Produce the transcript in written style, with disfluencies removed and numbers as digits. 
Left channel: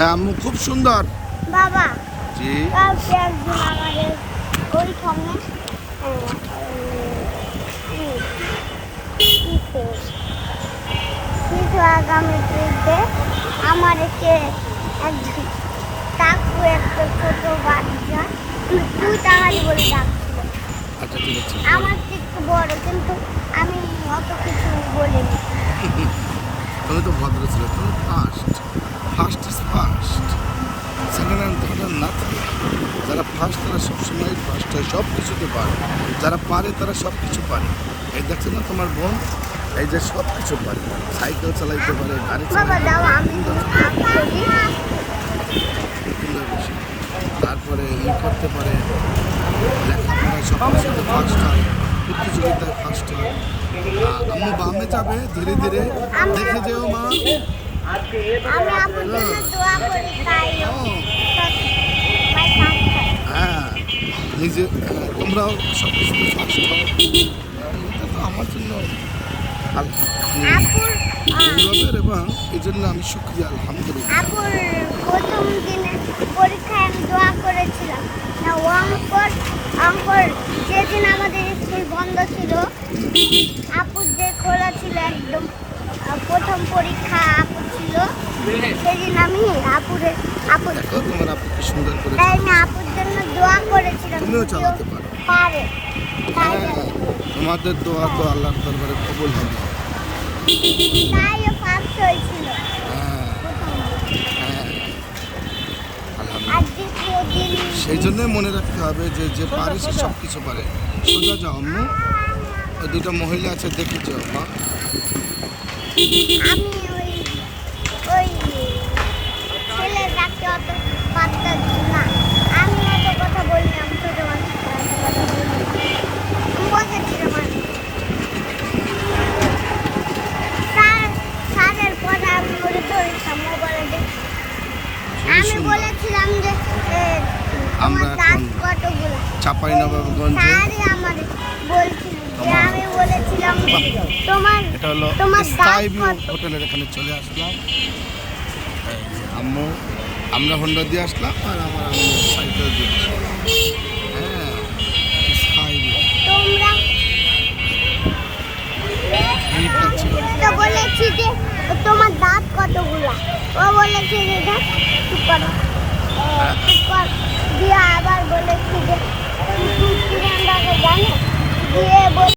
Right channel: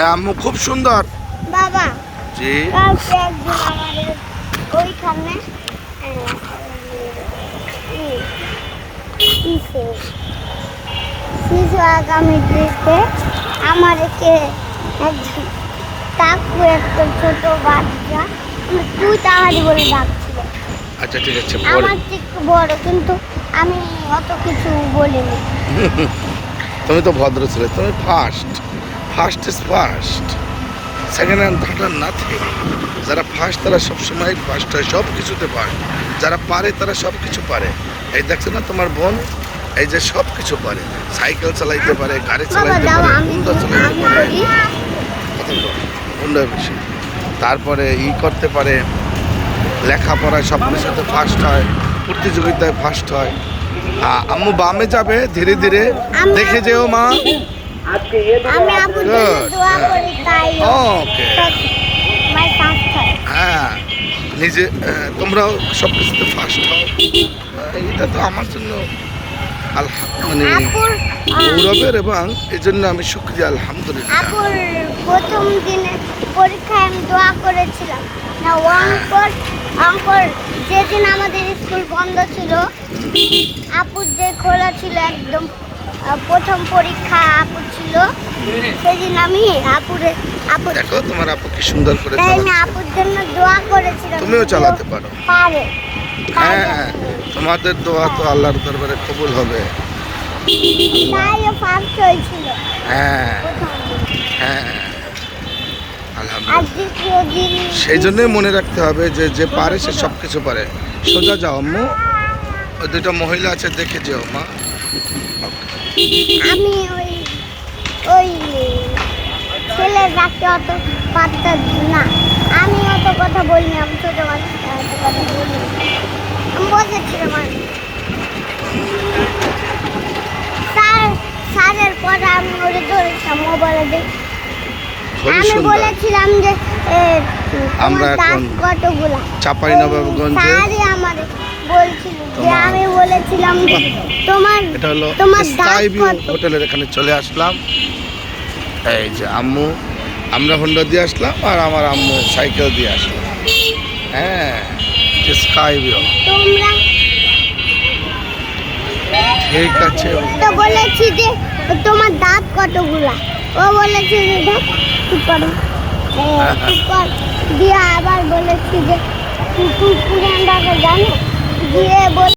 হ্যাঁ আম্মু খুব সুন্দর। বাবা জি কালকে একদিন আমাদের ওইখানে শিশু আগামীতে আমাদেরকে একজন কাকু একটা ছোট বাচ্চা তুই তাহারি বলে ডাকছিল। আচ্ছা ঠিক আছে পরে আমার থেকে একটু বড় কিন্তু আমি অত কিছু বলিনি। তুমি তো ভদ্র ছিলে, তুমি first is first, second hand third nothing. যারা ফার্স্ট তারা সবসময় ফার্স্ট হয়, সব কিছুতে পারে। যারা পারে তারা সব কিছু পারে। এই দেখছো না তোমার বোন, এই যে সব কিছু পারে, সাইকেল চালাইতে পারে, গাড়ি চালাইতে পারে, হুন্ডা চালাইতে পারে, কথা বল হুন্ডা বেশি, তারপরে করতে পারে, লেখাপড়ায় সব কিছুতে ফার্স্ট হয়, প্রতিযোগিতায় ফার্স্ট হয়। আম্মু বামে যাবে ধীরে ধীরে, দেখে যেও মা। আমি আপুর জন্য দোয়া করি তাই ওকে হ্যাঁ, নিজে তোমরাও সব কিছুতে ফার্স্ট হও। এটা তো আমার জন্য মানে গৌরবের, এবং এই জন্য আমি শুকরিয়া আলহামদুলিল্লাহ। আপুর প্রথম দিনে পরীক্ষায় আমি দোয়া করেছিলাম না অঙ্কর যেদিন আমাদের স্কুল বন্ধ ছিল, আপুর যে খোলা ছিল একদম প্রথম পরীক্ষা আপুর ছিল, সেদিন আমি আপুর দেখো তোমার আপু কি সুন্দর করে চালাচ্ছে। আপুর জন্য দোয়া করেছিলাম। তুমিও চালাতে পারো। পারে হ্যাঁ, তোমাদের দোয়া তো আল্লাহর দরবারে কবুল হবে। তাইও ফার্স্ট হয়েছিল। হ্যাঁ হ্যাঁ আলহামদুলিল্লাহ। আর দ্বিতীয় দিন সেই জন্যই মনে রাখতে হবে যে যে পারে সে সব কিছু পারে। সোজা যাও আম্মু, ওই দুটো মহিলা আছে দেখে যাও মা। আমি ওই ছেলের বাচ্চা অত বাচ্চা না, আমি অত কথা বলিনি, আমি ছোট বাচ্চা আমি বলেছিলাম স্যারের পরে আমি ওরে ধরেছিলাম মোবাইলে দেখে। খুবই আমি সুন্দর। বলেছিলাম যে আমরা তোমার এখন দাঁত কতগুলা। চাঁপাইনবাবগঞ্জে স্যারই আমারে বলছিল যে তোমার আমি বলেছিলাম যে তোমার এটা হলো তোমার স্কাই দাঁত ভিউ কত? হোটেলের এখানে চলে আসলাম। এই যে আম্মু, আমরা হোন্ডা দিয়ে আসলাম আর আমার আম্মু সাইকেল দিয়ে আসলাম। হ্যাঁ স্কাই ভিউ তোমরা ঠিক আছে। তো বলেছি যে তোমার দাঁত কতগুলা, ও বলেছে যে দেখ উপরে উপর দিয়ে আবার বলেছি যে তুই পুরান দাদা জানিস দিয়ে